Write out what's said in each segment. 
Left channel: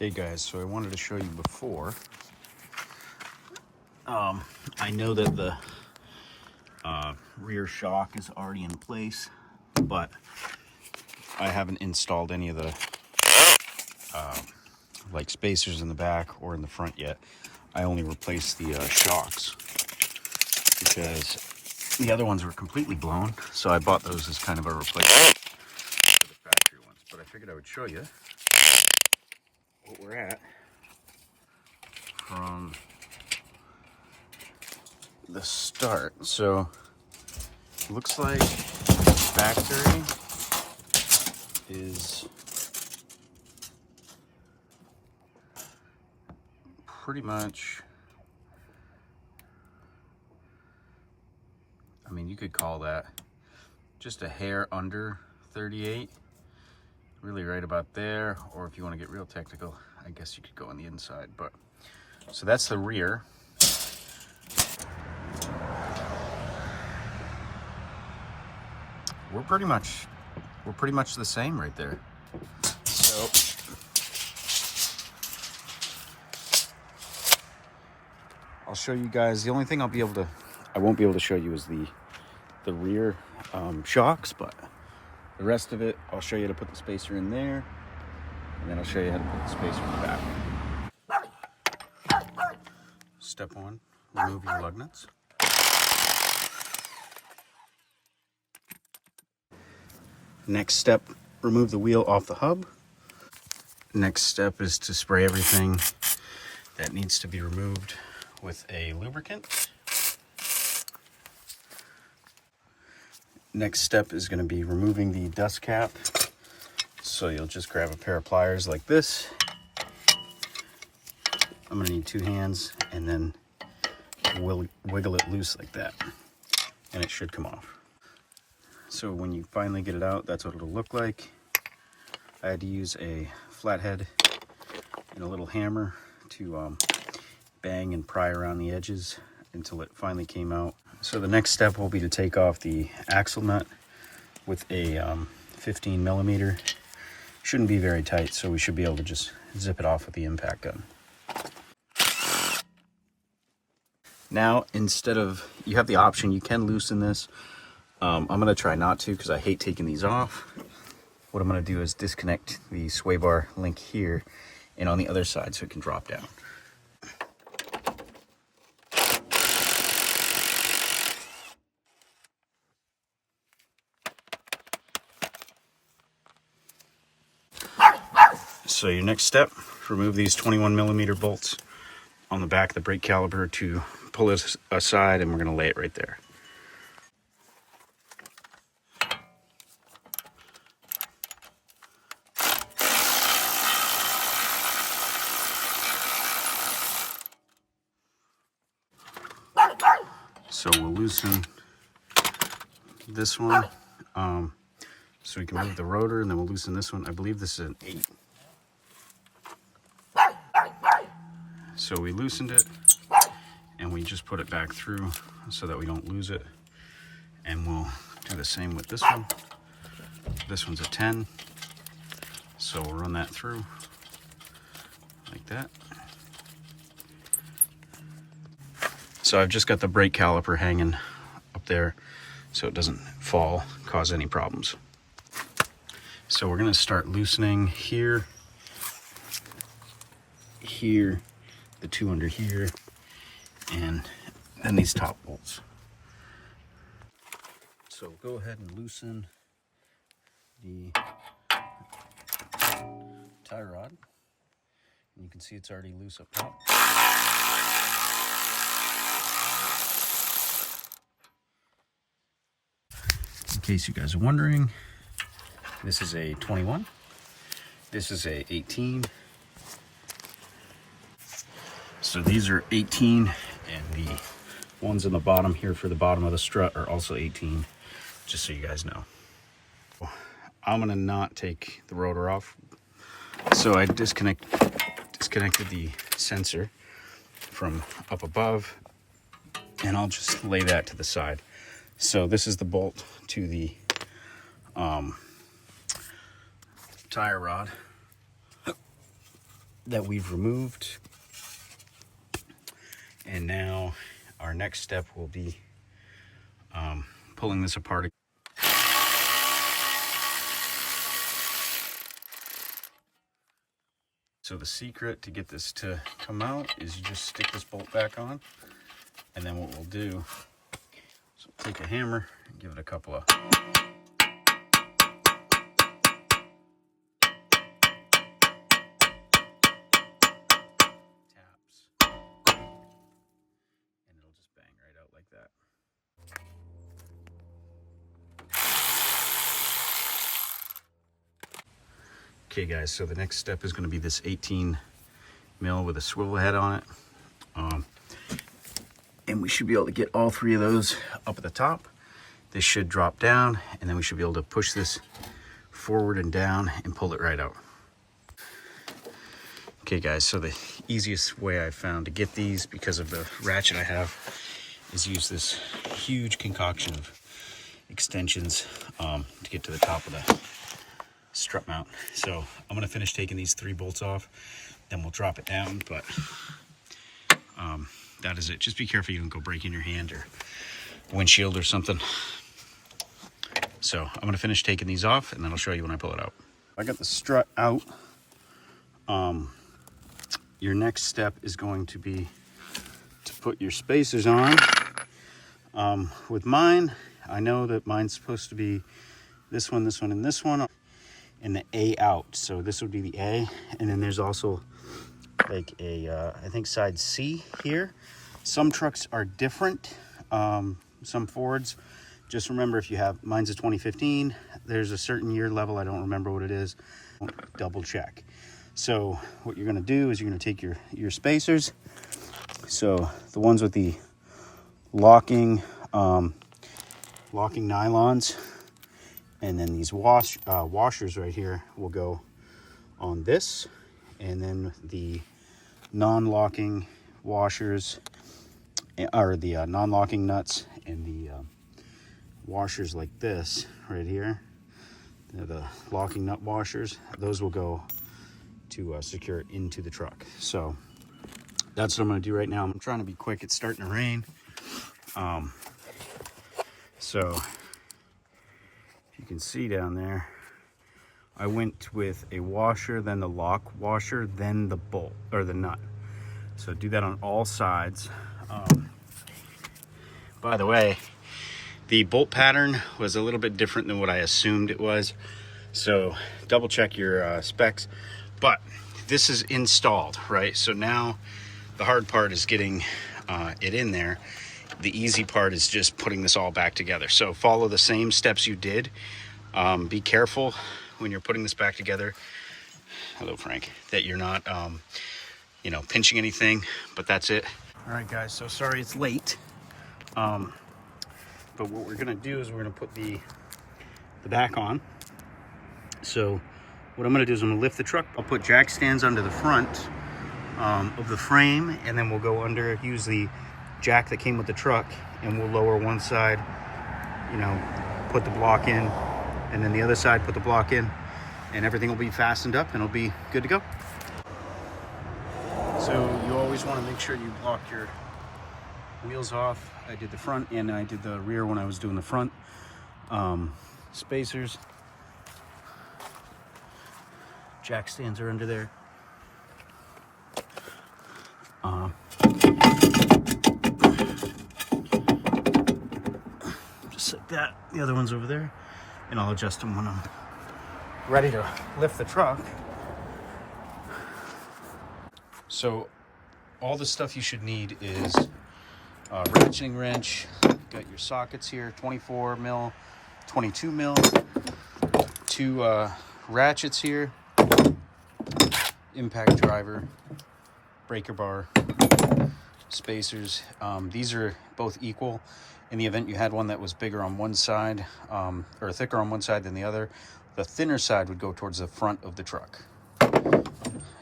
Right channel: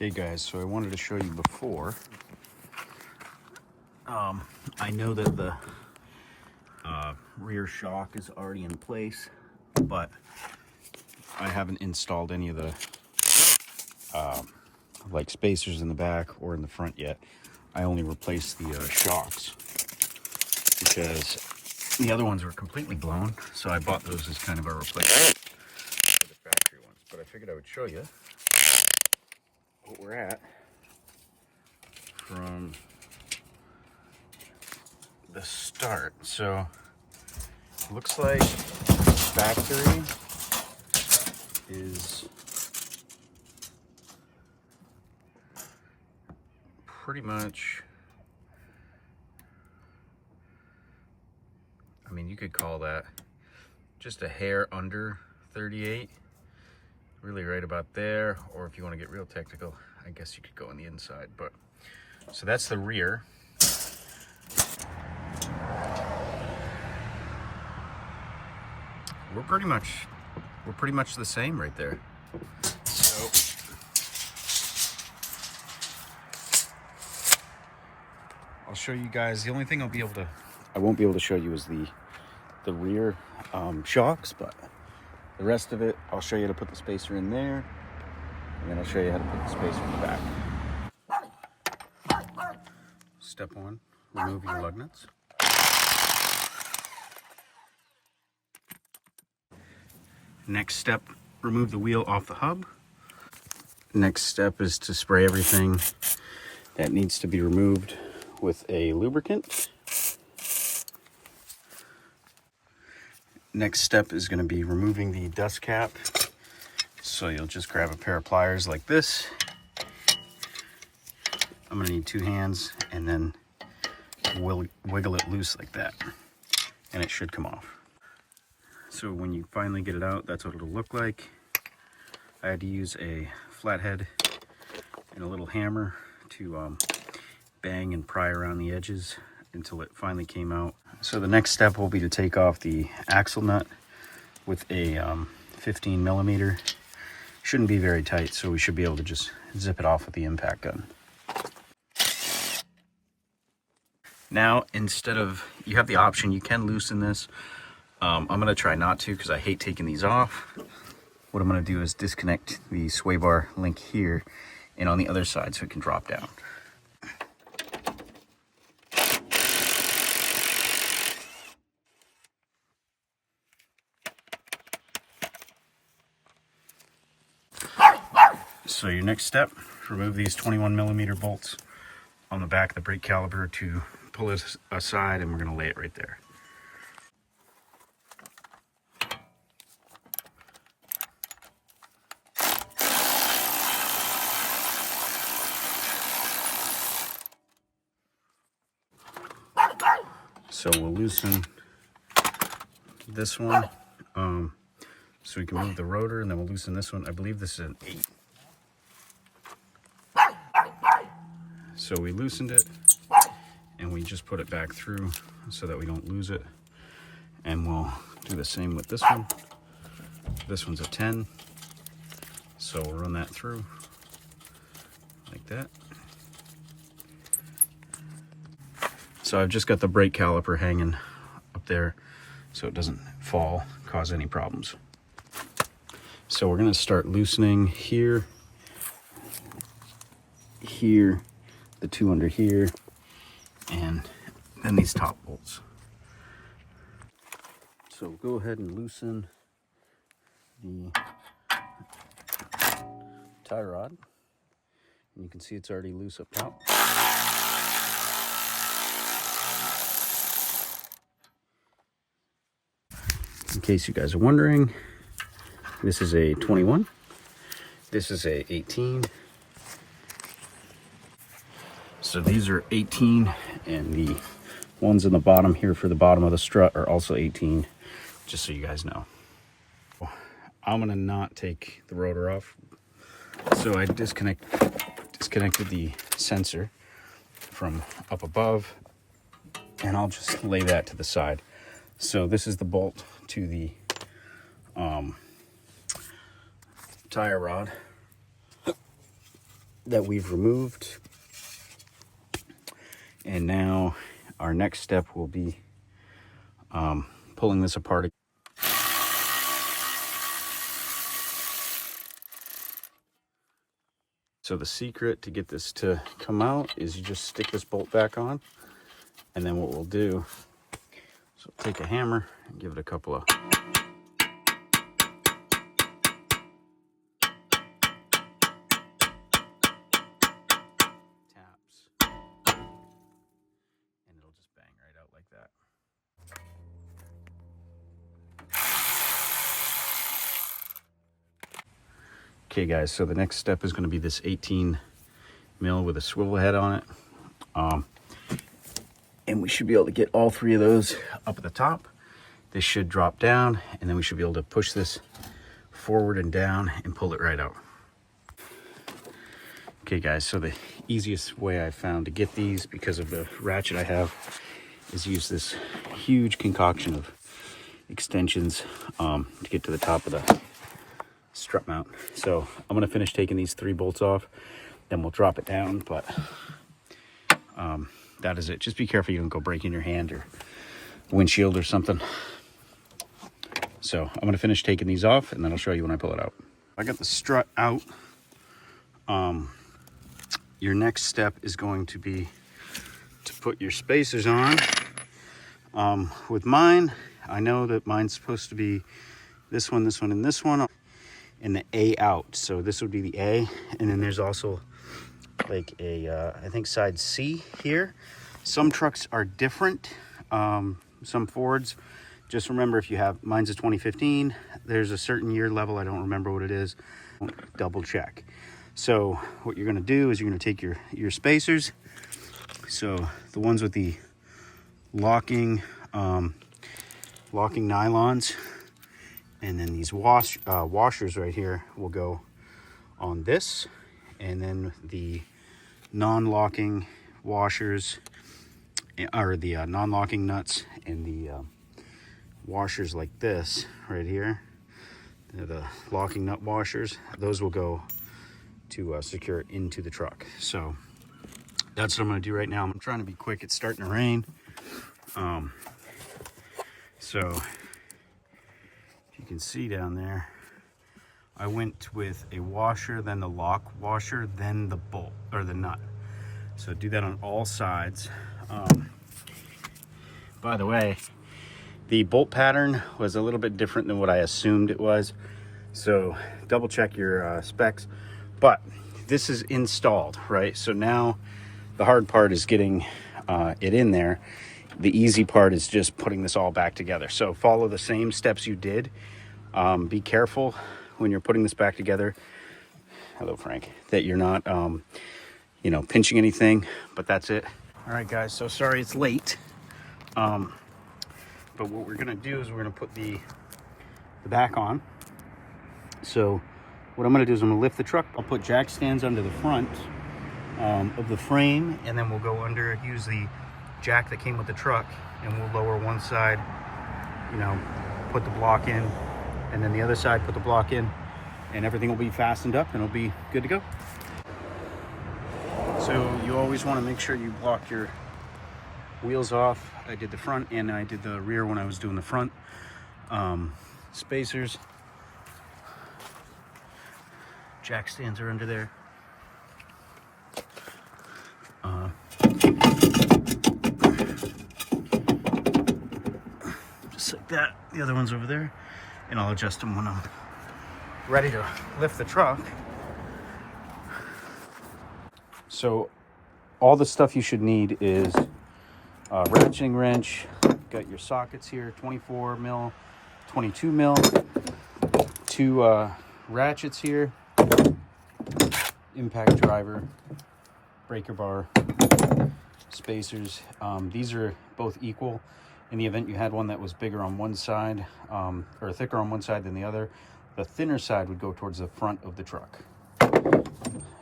Okay guys, so I wanted to show you before. I know that the rear shock is already in place, but I haven't installed any of the like spacers in the back or in the front yet. I only replaced the shocks because the other ones were completely blown, so I bought those as kind of a replacement for the factory ones. But I figured I would show you what we're at from the start. So looks like factory is pretty much, I mean, you could call that just a hair under 38, really right about there. Or if you want to get real technical, I guess you could go on the inside. But so that's the rear. We're pretty much the same right there. So I'll show you guys. The only thing I won't be able to show you is the rear shocks, but the rest of it, I'll show you how to put the spacer in there, and then I'll show you how to put the spacer in the back. Step one, remove your lug nuts. Next step, remove the wheel off the hub. Next step is to spray everything that needs to be removed with a lubricant. Next step is going to be removing the dust cap. So you'll just grab a pair of pliers like this. I'm going to need 2 hands, and then wiggle it loose like that, and it should come off. So when you finally get it out, that's what it'll look like. I had to use a flathead and a little hammer to bang and pry around the edges until it finally came out. So the next step will be to take off the axle nut with a 15 millimeter. Shouldn't be very tight, so we should be able to just zip it off with the impact gun. Now, instead of, you have the option, you can loosen this. I'm gonna try not to because I hate taking these off. What I'm gonna do is disconnect the sway bar link here and on the other side so it can drop down. So your next step, remove these 21 millimeter bolts on the back of the brake caliper to pull this aside, and we're gonna lay it right there. So we'll loosen this one, so we can move the rotor, and then we'll loosen this one. I believe this is an 8. So we loosened it, and we just put it back through so that we don't lose it. And we'll do the same with this one. This one's a 10. So we'll run that through like that. So I've just got the brake caliper hanging up there so it doesn't fall, cause any problems. So we're gonna start loosening here, here, the 2 under here, and then these top bolts. So go ahead and loosen the tie rod, and you can see it's already loose up top. In case you guys are wondering, this is a 21, this is a 18. So these are 18, and the ones in the bottom here for the bottom of the strut are also 18, just so you guys know. I'm gonna not take the rotor off. So I disconnected the sensor from up above, and I'll just lay that to the side. So this is the bolt to the tire rod. that we've removed. And now our next step will be pulling this apart. So the secret to get this to come out is you just stick this bolt back on, and then what we'll do is we'll take a hammer and give it a couple of taps, and it'll just bang right out like that. Okay guys, so the next step is going to be this 18 mil with a swivel head on it. And we should be able to get all three of those up at the top. This should drop down, and then we should be able to push this forward and down and pull it right out. Okay guys, so the easiest way I found to get these, because of the ratchet I have, is use this huge concoction of extensions to get to the top of the strut mount. So I'm gonna finish taking these 3 bolts off, then we'll drop it down, but that is it. Just be careful you don't go breaking your hand or windshield or something. So I'm gonna finish taking these off, and then I'll show you when I pull it out. I got the strut out. Your next step is going to be to put your spacers on. With mine, I know that mine's supposed to be this one, and this one, and the A out. So this would be the A, and then there's also like a I think side C here. Some trucks are different, some Fords. Just remember, if you have, mine's a 2015, there's a certain year level, I don't remember what it is, double check. So what you're gonna do is you're gonna take your spacers, so the ones with the locking nylons, and then these washers right here will go on this, and then the non-locking washers, or the non-locking nuts, and the washers like this right here, the locking nut washers, those will go to secure it into the truck. So that's what I'm going to do right now. I'm trying to be quick. It's starting to rain. So if you can see down there, I went with a washer, then the lock washer, then the bolt or the nut. So do that on all sides. By the way, the bolt pattern was a little bit different than what I assumed it was. So double check your specs. But this is installed, right? So now the hard part is getting it in there. The easy part is just putting this all back together. So follow the same steps you did. Be careful when you're putting this back together. Hello, Frank. That you're not, you know, pinching anything, but that's it. All right, guys, so sorry it's late. But what we're gonna do is we're gonna put the back on. So what I'm gonna do is I'm gonna lift the truck. I'll put jack stands under the front of the frame, and then we'll go under, use the jack that came with the truck, and we'll lower one side, you know, put the block in, and then the other side put the block in, and everything will be fastened up and it'll be good to go. So you always want to make sure you block your wheels off. I did the front and I did the rear when I was doing the front. Spacers, jack stands are under there. Just like that. The other one's over there, and I'll adjust them when I'm ready to lift the truck. So all the stuff you should need is a ratcheting wrench. Got your sockets here, 24 mil, 22 mil, 2 ratchets here, impact driver, breaker bar, spacers. These are both equal. In the event you had one that was bigger on one side, or thicker on one side than the other, the thinner side would go towards the front of the truck.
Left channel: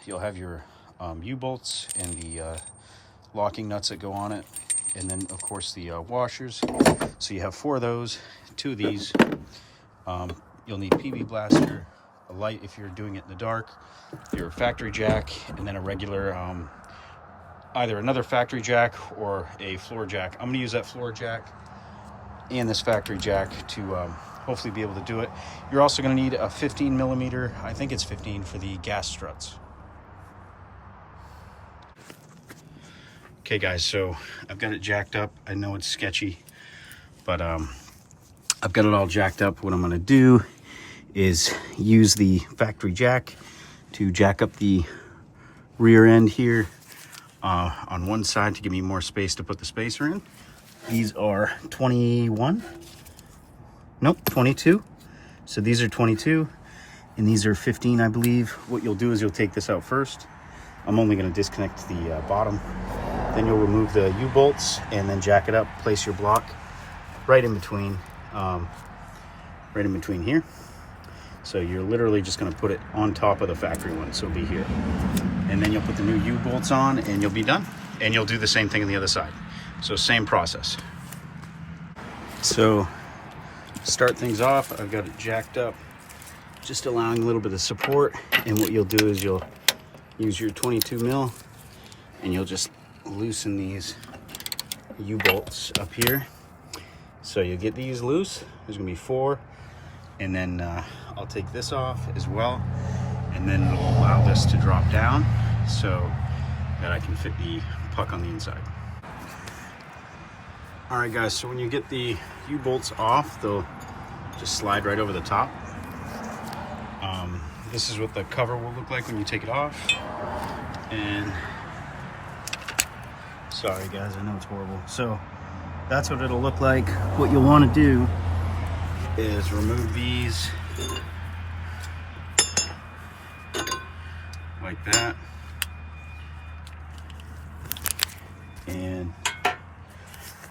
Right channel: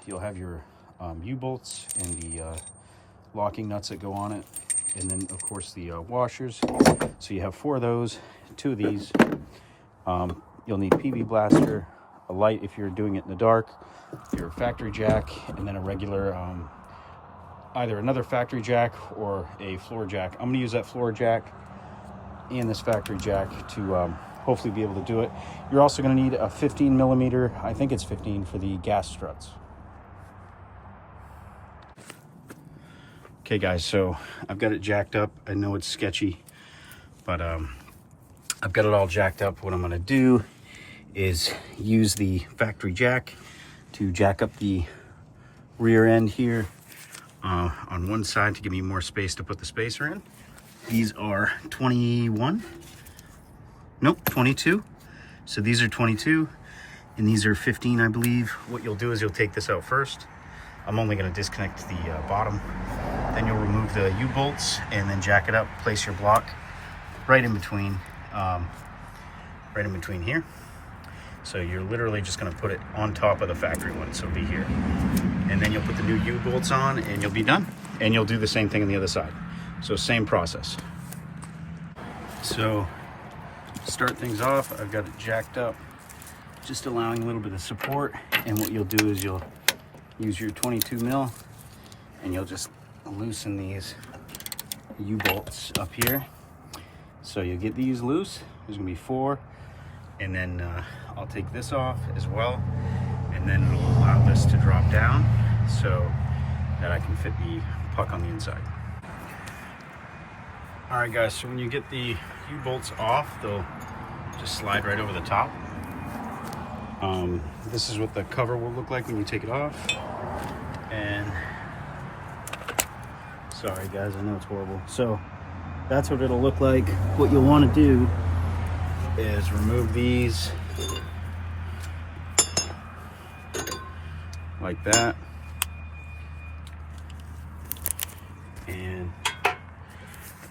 You'll have your U-bolts and the locking nuts that go on it, and then of course the washers. So you have 4 of those, 2 of these. You'll need PB blaster, a light if you're doing it in the dark, your factory jack, and then a regular, either another factory jack or a floor jack. I'm gonna use that floor jack and this factory jack to hopefully be able to do it. You're also gonna need a 15 millimeter, I think it's 15, for the gas struts. Okay guys, so I've got it jacked up. I know it's sketchy, but I've got it all jacked up. What I'm gonna do is use the factory jack to jack up the rear end here on one side to give me more space to put the spacer in. These are 21, nope, 22. So these are 22 and these are 15, I believe. What you'll do is you'll take this out first. I'm only gonna disconnect the bottom. Then you'll remove the U-bolts and then jack it up, place your block right in between here. So you're literally just gonna put it on top of the factory one, so it'll be here. And then you'll put the new U-bolts on and you'll be done. And you'll do the same thing on the other side. So same process. So to start things off, I've got it jacked up, just allowing a little bit of support. And what you'll do is you'll use your 22 mil and you'll just loosen these U-bolts up here. So you get these loose, there's gonna be 4. And then I'll take this off as well. And then it'll allow this to drop down so that I can fit the puck on the inside. All right guys, so when you get the U-bolts off, they'll just slide right over the top. This is what the cover will look like when you take it off. And sorry guys, I know it's horrible. So that's what it'll look like. What you'll want to do is remove these like that. And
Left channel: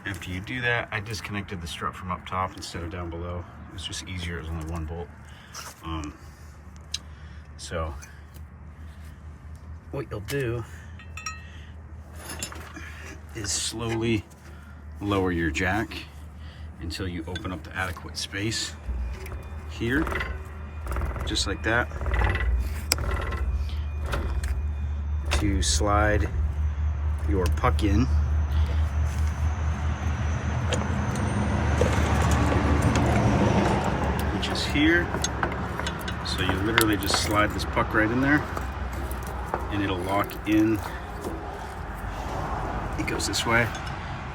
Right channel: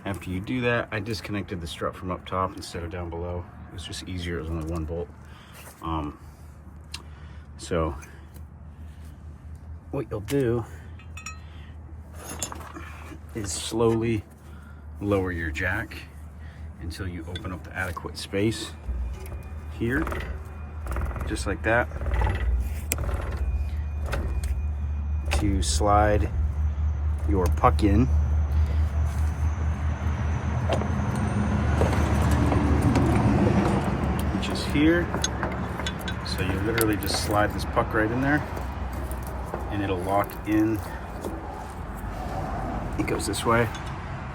after you do that, I disconnected the strut from up top instead of down below. It's just easier, it's only 1 bolt. So what you'll do is slowly lower your jack until you open up the adequate space here, just like that, to slide your puck in. Which is here. So you literally just slide this puck right in there and it'll lock in. It goes this way,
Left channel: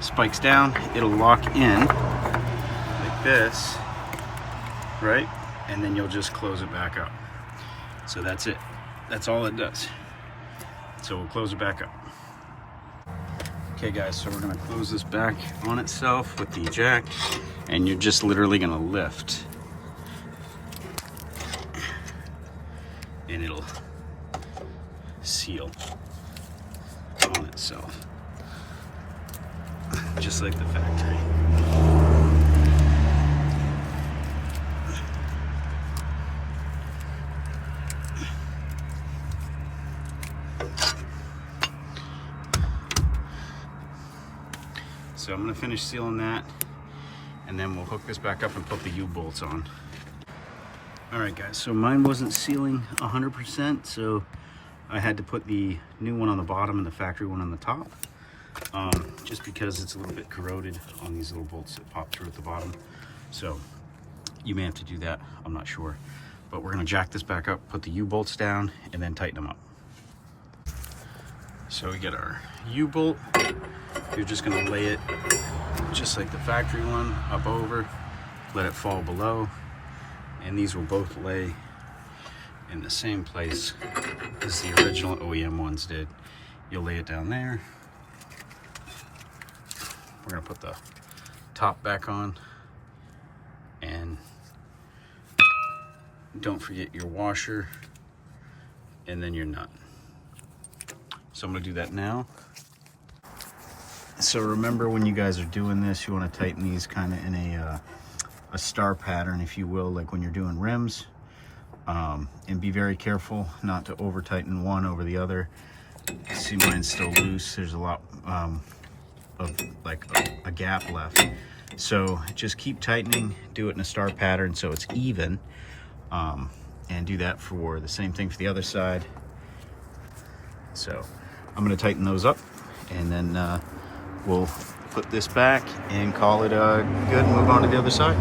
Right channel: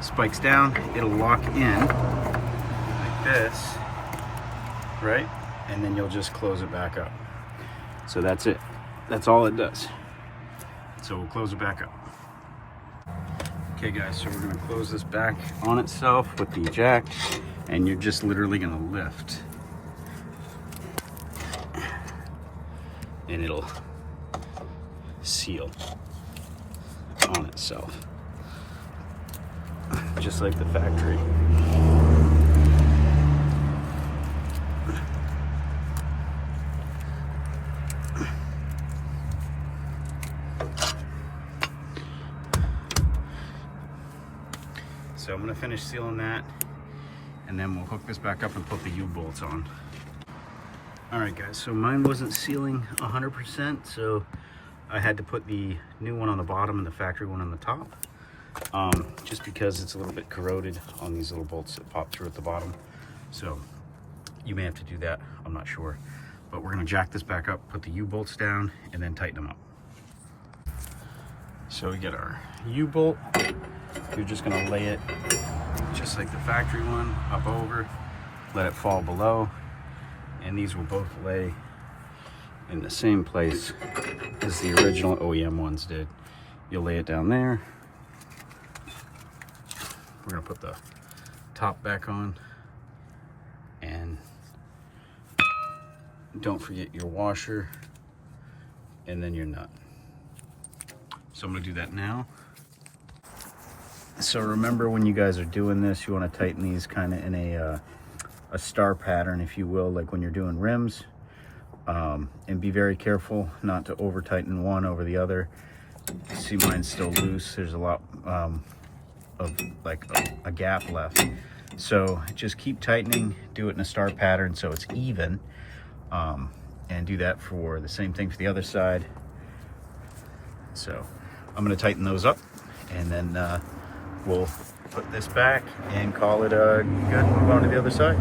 spikes down, it'll lock in like this, right? And then you'll just close it back up. So that's it. That's all it does. So we'll close it back up. Okay guys, so we're gonna close this back on itself with the jack, and you're just literally gonna lift. And it'll seal on itself, just like the factory. So I'm gonna finish sealing that, and then we'll hook this back up and put the U-bolts on. All right guys, so mine wasn't sealing 100%, so I had to put the new one on the bottom and the factory one on the top, just because it's a little bit corroded on these little bolts that pop through at the bottom. So you may have to do that, I'm not sure. But we're gonna jack this back up, put the U-bolts down, and then tighten them up. So we get our U-bolt. You're just gonna lay it just like the factory one, up over, let it fall below. And these will both lay in the same place as the original OEM ones did. You'll lay it down there. We're gonna put the top back on, and don't forget your washer and then your nut. So I'm gonna do that now. So remember, when you guys are doing this, you want to tighten these kind of in a star pattern, if you will, like when you're doing rims, and be very careful not to over tighten one over the other. See, mine's still loose. There's a lot of like a gap left, so just keep tightening. Do it in a star pattern so it's even, and do that for the same thing for the other side. So I'm going to tighten those up, and then we'll put this back and call it good and move on to the other side.